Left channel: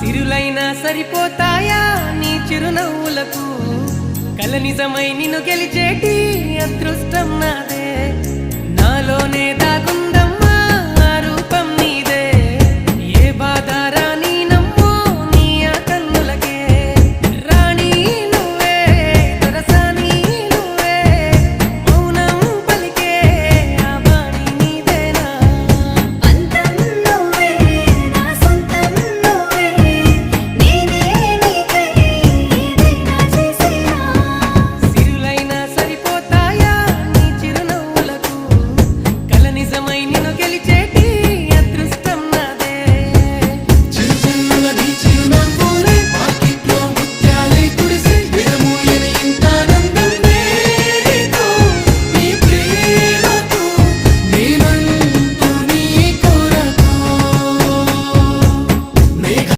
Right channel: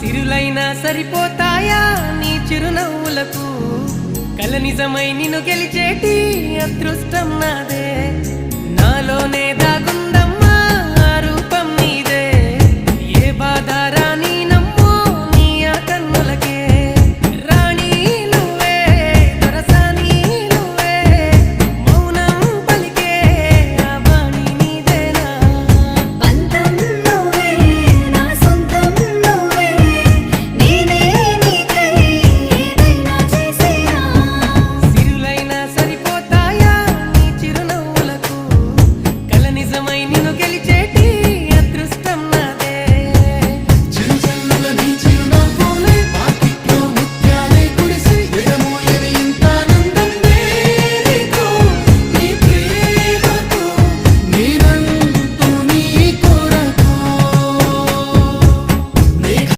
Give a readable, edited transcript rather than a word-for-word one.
సిరులైనా సరిపోతాయా నీ చిరునవ్వులకు కల నిజమై నిన్ను గెలిచేటి అదృష్టం నాదే నాలోనే దాగుందమ్మా ఆ రూపం నీదే ఏ బాధ రాని